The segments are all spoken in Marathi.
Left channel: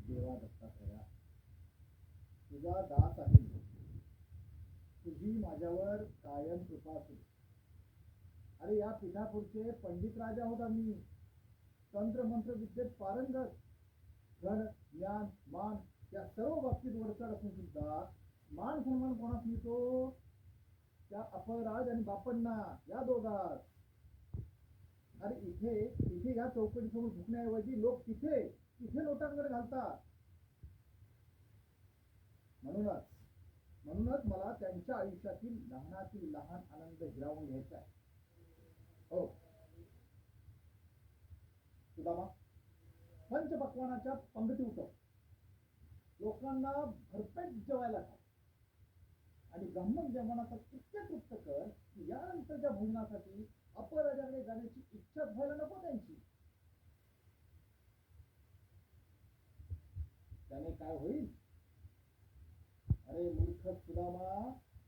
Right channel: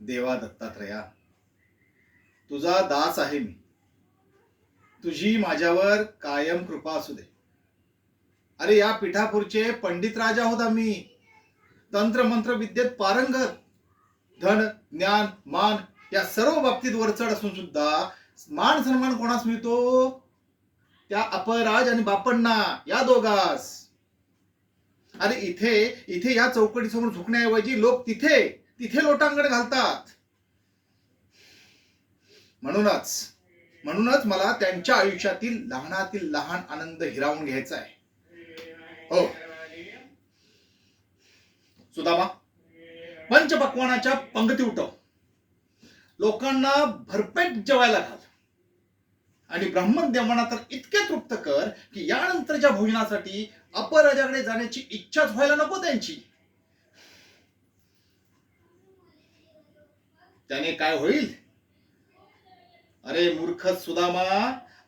देवा दत्तात्रया, तुझा दास आहे मी. तुझी माझ्यावर कायम कृपा असू दे. अरे या पिठापूरचे पंडित राजा आहोत आम्ही. तंत्र मंत्र विद्येत पारंगत. धन ज्ञान मान या सर्व बाबतीत वरचढ असून सुद्धा मान सन्मान कोणास मिळतो? त्या अपराज आणि बापण्णा या दोघास. अरे इथे इथे या चौकटीसमोर झुकण्याऐवजी लोक तिथे तिथे लोटांगण घालतात. म्हणूनच म्हणूनच मला त्यांच्या आयुष्यातील लहानातील लहान आनंद हिरावून घ्यायचा आहे. हो सुदामा, पंचपक्वानाच्या पंगती उठव. लोकांना भरपेट जेवायला घाल. आणि ब्राह्मण देवांना तर इतके तृप्त कर की यानंतरच्या भोजनासाठी अपराजाकडे जाण्याची इच्छाच व्हायला नको त्यांची. त्याने काय होईल? अरे मूर्ख सुदामा,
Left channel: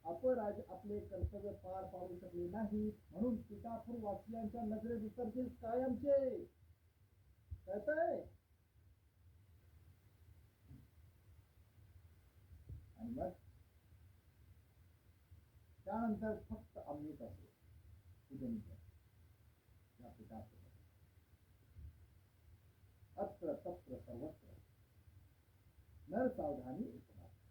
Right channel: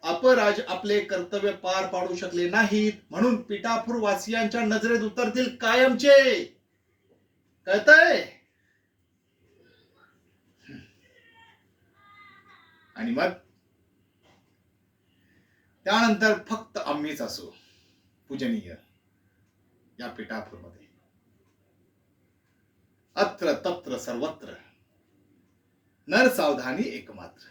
अपराज आपले कर्तव्य पार पाडू शकले नाहीत म्हणून पिठापूर वासियांच्या नजरेत उतरतील कायमचे. कळतंय? आणि मग त्यानंतर फक्त आम्हीच असू पूजनीय या पिठापूरमध्ये. अत्र तत्र सर्वत्र नर सावधानी एकमात्र.